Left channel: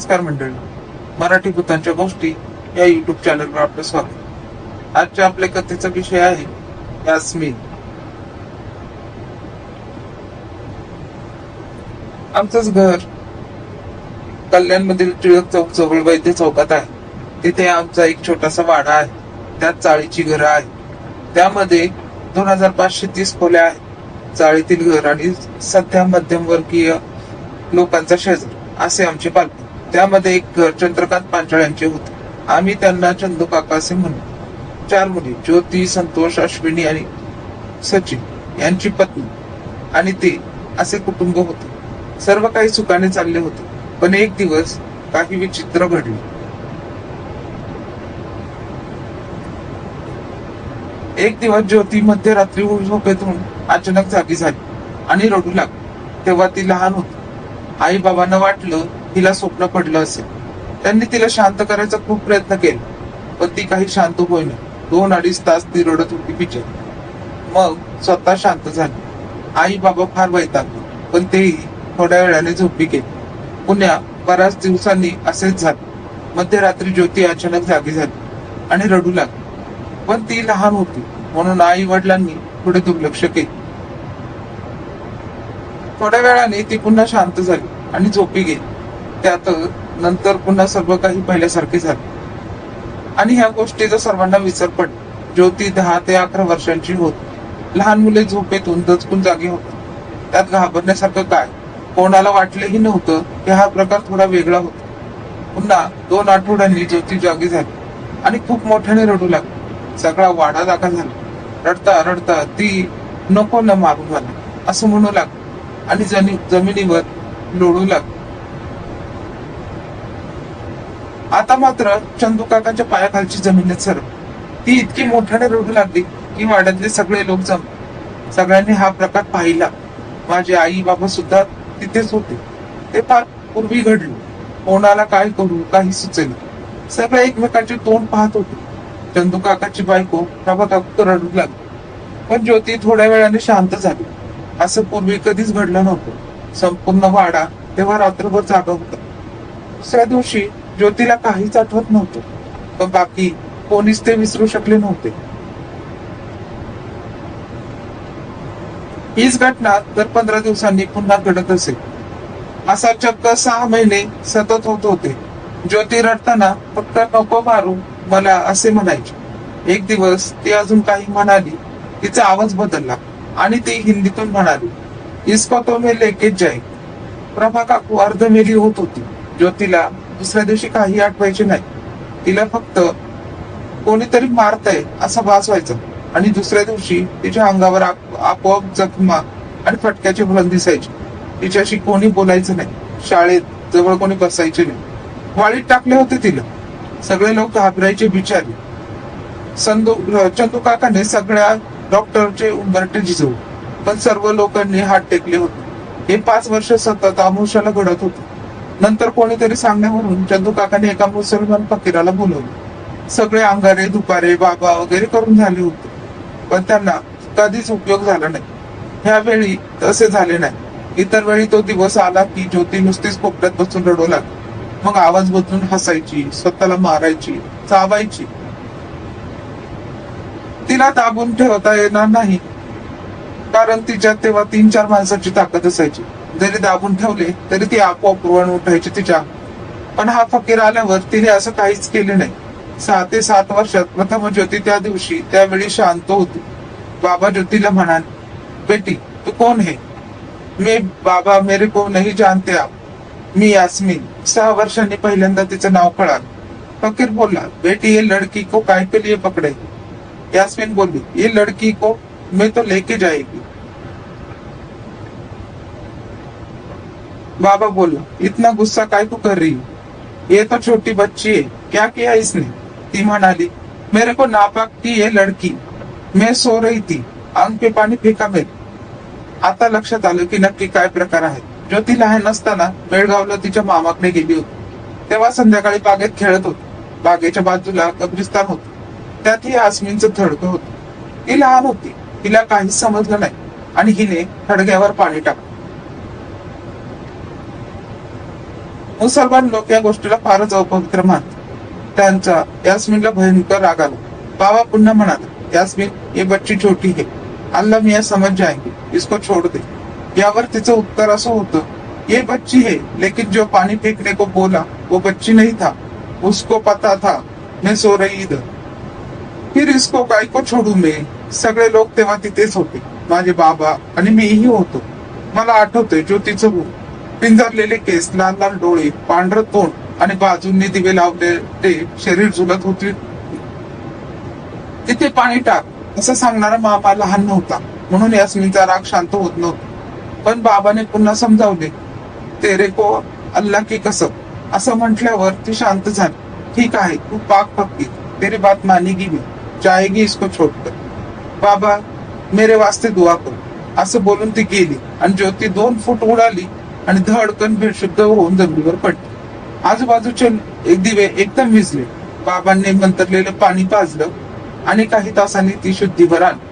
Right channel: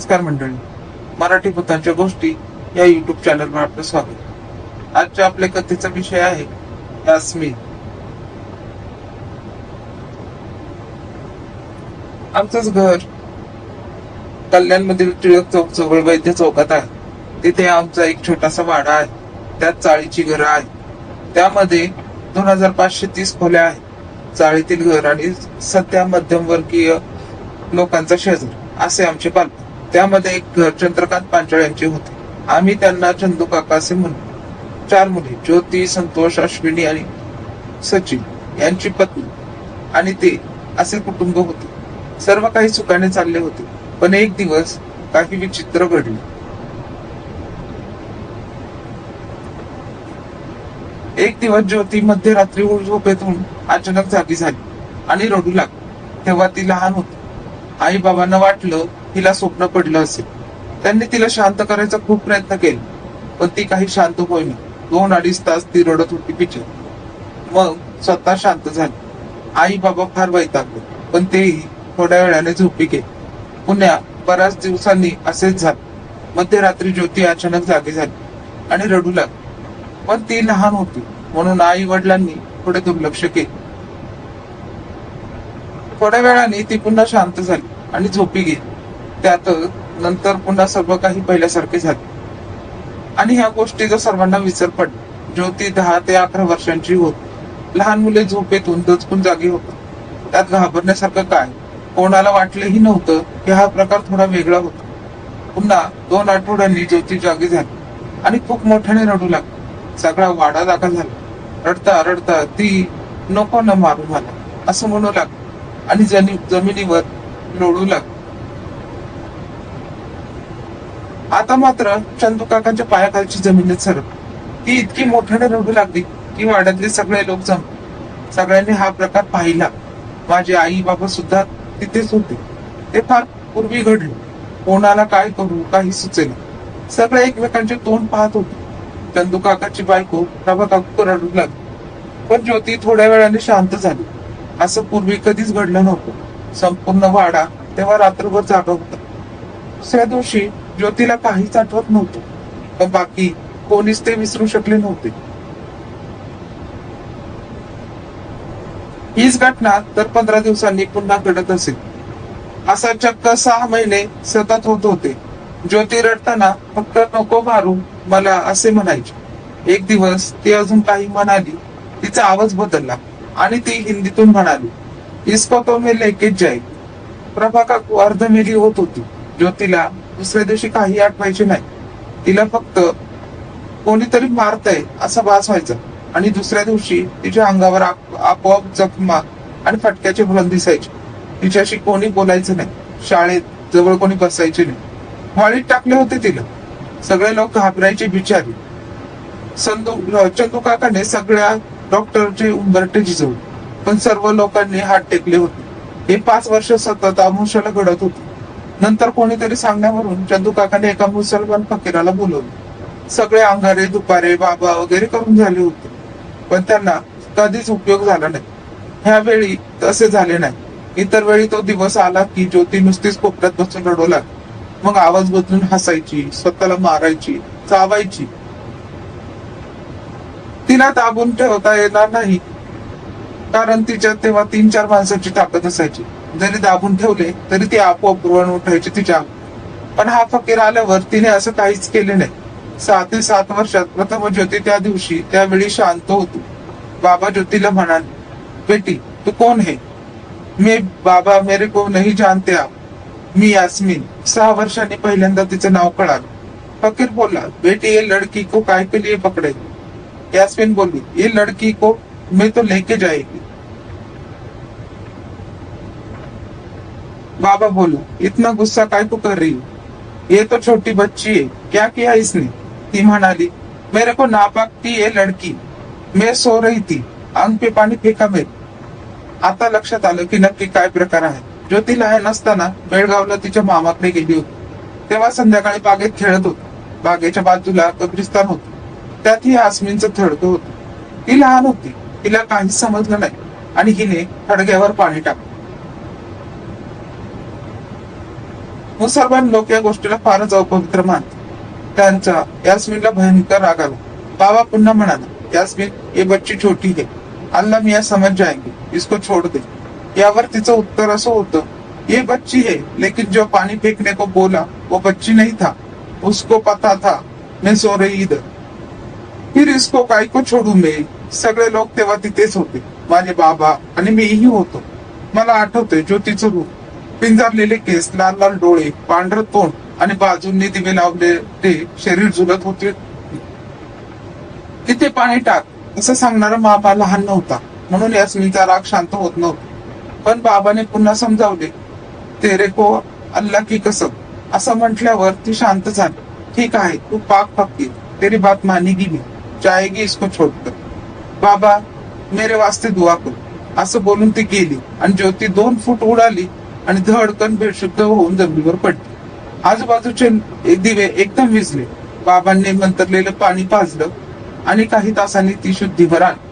नमस्कार मंडळी, मराठी भूतांच्या गोष्टी या युट्यूब चॅनलवर आपलं स्वागत. आजच्या आपल्या कथेचा विषय आहे यास्मिन. आमचंच घर कल्याणमधील टिळक चौक जवळ वैद्य चौकात आहे. तिथे आमचा एक छोटासा वाडा आहे. त्यात चाळीची घरं आहे. त्यामध्ये 2530 खोल्या आहेत. चाळीतील घर आणि सध्या मध्यमवर्गीय लोकांचा शेजार असे आमची पालखी. त्यामध्ये एक घर चंद्रकांत पांचाळ यांचे होते. आम्ही त्यांना चंदू काका असे म्हणतो. 4 मुली, ज्योती, संतोष, अश्विनी आणि सचिन यांची पत्नी आणि ते असे कुटुंब होते. सर्व काही सुखाने चालले होते. पण एक दिवस काही विचित्र घडले. एक दिवस ज्योती मध्यरात्री झोपेतून अचानक जागी झाली आणि रडू लागली. तेव्हा ती लहान होती. आई बाबांना वाटलं तिला स्वप्न पडलं असेल. त्यांनी तिला शांत करायचा खूप प्रयत्न केला, पण ती काही शांत होईना. 2-2.5 तास ती रडत होती बिचारी. मग स्वतः शांत झाली. आई बाबा फार वैतागले, पण तेही थोड्या वेळाने झोपी गेली. पुन्हा बऱ्याच दिवसांनी असेच झाले. मध्यरात्री ज्योती अचानक जागी झाली आणि रडू लागली, पण ती लहान होती म्हणून आई वडिलांनी थोडे दुर्लक्ष केले. थोड्या वेळाने ती पुन्हा शांत झाली आणि झोपी गेली. त्यात नंतर पुन्हा सर्व काही पहिल्यासारखे झाले आणि ह्या गोष्टीचा सर्वांना विसर पडला. ज्योती 10 ते 11 वर्षांची होती. लहान मुले झोपेतून दचकून जागी होती. त्यात घाबरण्यासारखं काय? कोणाला वाटलेही नव्हतं की हा प्रकार थोडा वेगळा होता. पुन्हा 2 आठवड्यांनी ज्योती जागी झाली आणि खूप मोठ्याने रडू लागली. सगळा वाडा जागा झाला. रडता रडता ती नको ना मारू मला असं म्हणू लागली आणि जमिनीवर लोळू लागली. आता मात्र चंदू काकांच्या पायाखालची जमीनच सरकली. ती इतकी मोठ्याने रडू लागली की वाड्यातले सगळे लोक जमले. सगळ्यांनी हा प्रकार पाहिला. माझे आई बाबा सुद्धा तिथेच होते. ते फार पूर्वी घडले. कोणाला काय करू काही सुचेना. सगळे एकमेकांचे तोंड पाहत होते. चंदू काकाची बायको प्रभा काकू रडू लागली, पण ज्योती थोड्या वेळाने शांत झाली. असं पूर्वी कधीच घडलं नव्हतं. संपूर्ण वाडा तेव्हा रात्रभर जागा होता. दुसऱ्या दिवशी ज्योतीला काहीच आठवत नव्हतं, पण बाकी कोणीच ते विसरू शकले नव्हते. हीच घटना दर 15 दिवसांनी पुन्हा घडत असेल. असा चक्क 6 महिने सतत होत होते. ज्योती रडताना फक्त नको मारू मला असे म्हणायचे. एक दिवस ती अजून काही म्हणाली. तिचा आवाज बदलला आणि ती हिंदीतून म्हणाली, इसका तो मैं लेके जाए. प्रभा काकू अर्धमेली होत होती. ज्योतीला दुसऱ्या दिवशी काही आठवायचे नाही. तिला फक्त कोणीतरी मारतय असा भास व्हायचा आणि दुसऱ्या दिवशी तिच्या अंगावर आपोआप जखमा आणि फटक्याचे भरण दिसायचे. तिच्याशी कोणी बोलायचं नाही. शाळेत जवळ कोणी बसायचे नाही. वाळीत टाकले होते तिला. सगळे लोक घाबरायचे बिचारे. चंदू काकांनी सगळ्या डॉक्टरचे उंबरटे झिजवले, पण सर्व लोकांनी हात टेकले होते. हे 5 वर्ष सतत आमुषाला घडत होते. नंतर कोणीतरी सांगण्यावरून चंदू काकाने एका मुसलमान फकीराला बोलवलं. सगळे अंगारे दुपारे बाबा वगैरे करून झाले होते, पण त्यांना कधीच उपयोग झाला नाही. ह्यावेळी तसे झाले नाही. इतर वेळी तो दिवस आला की ज्योती नुसतीच कोपऱ्यात बसून रडू लागली. मग आवाज बदलून हसायची, स्वतःला मारायची, चावायची. तिला दाबून ठेवता येणार नाही, कारण तिच्यात तेव्हा 3-4 माणसाची ताकद असायची. जरी दाबून ठेवले तरी ती आपोआप वळून उठायची तिच्या. पण हा फकीर आल्यावर तिने असं काहीच केले नाही. 6 ते 7 वर्षात प्रथम ज्योती त्या दिवशी त्यावेळी शांत होती. बाबा ज्योतीला म्हणाले, बेटी तू कौन है? मी बाबा मेरे को नहीं जानते आप. मी यास्मिन. 6 वर्षांनी पहिल्यांदा तिचं नाव कळालं. फकीर बोलला, बेटी ये लड़की को काय के लिए पकडे? यास्मिन बोली, ये लड़की को मैं तो लेके जाएगी. बाबा बोला, इतना गुस्सा काय तू कर रही? ये तो छोटी बच्ची है, क्या किया इसने? ती म्हणाली, मेरे को नापाक थी ये लड़की. मैं सो रही थी, अंग पे पाणी फेका मेरे. आता लक्षात आलं की नक्की काय प्रकार आहे. ज्योती लहान असताना बेळगावला तिच्या मामाकडे गेली होती. तेव्हा संध्याकाळी बागेत खेळत होती. बागेच्या बाजूला कब्रिस्तान होतं. त्यातही यास्मिनचं थडगं होतं. ती लहान होती. तिला काहीच समजलं नाही आणि हिने थडग्यावर पाणी टाकलं. मुसलमान लोक या गोष्टीला फारच अपवित्र मानतात. त्यांचा यास्मिनला भयंकर राग आला. बाबा पुन्हा म्हणाले, यास्मिन, ये बच्ची छोटी है, अल्लाह मियाँ समझ जाएंगे, इसको छोड़ दे. यावर तिचं उत्तर असं होतं, ये बच्ची है, लेकिन जो पानी फेंकने को बोला वो बच्ची नहीं था, उसको पता था मैं सो रही इधर. फिर इसको काय को छोडू मैं. सगळे लोक तेव्हा तिथेच होते, माझे बाबा आणि मीही होतो. मला आठवते ज्योतीचं रूप, पिंजारलेले केस, लाल लाल डोळे, पांढरं तोंड आणि बाजूंनी दिवे लावलेले शरीर झुलत होते. तिथे पाणी टाक असं सांगणारा बाबा लहान नव्हता, म्हणून यास्मिनचा राग शांत होत नव्हता. पण बाबाने पुन्हा समजावले, तेरे को अल्लाह की कसम असं म्हटल्यावर ती शांत झाली. ठीक आहे, तू पाक पक्की, तेरी बात मानेगी मी, जाएगी इसको छोड़कर. बाबा, मेरे वास्ते दुआ करू असं बोलून ती गेली आणि ज्योती 2 फूट उडाली आणि धडकन बेशुद्ध होऊन जमिनीवर पडली. आजूबाजूचे दिवे एकदम विझले. बाबांनी मंतरलेलं पाणी पाजलं आणि काही तासांनी ती शुद्धीवर आली.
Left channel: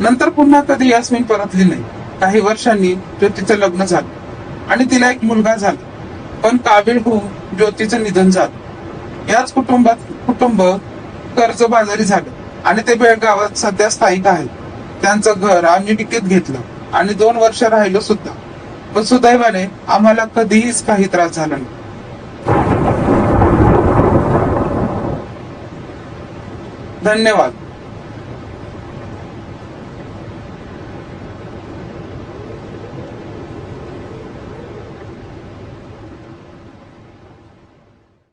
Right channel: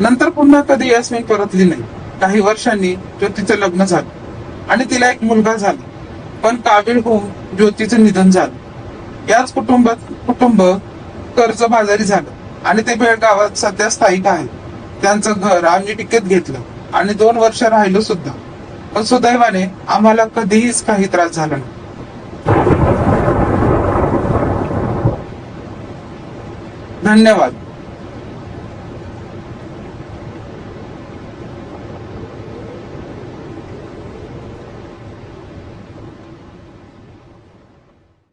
नंतर पुन्हा कधी यास्मिन परतली नाही. काही वर्षांनी ज्योतीचं लग्न झालं आणि तिला एक मुलगा झाला. पण काबीळ होऊन ज्योतीचं निधन झालं. याच कुटुंब कर्जबाजारी झालं आणि ते बेळगावात सध्या स्थायिक आहे. त्यांचं घर आम्ही विकत घेतलं आणि 2 वर्ष राहिलो सुद्धा. पण सुदैवाने आम्हाला कधीच काही त्रास झाला नाही. धन्यवाद.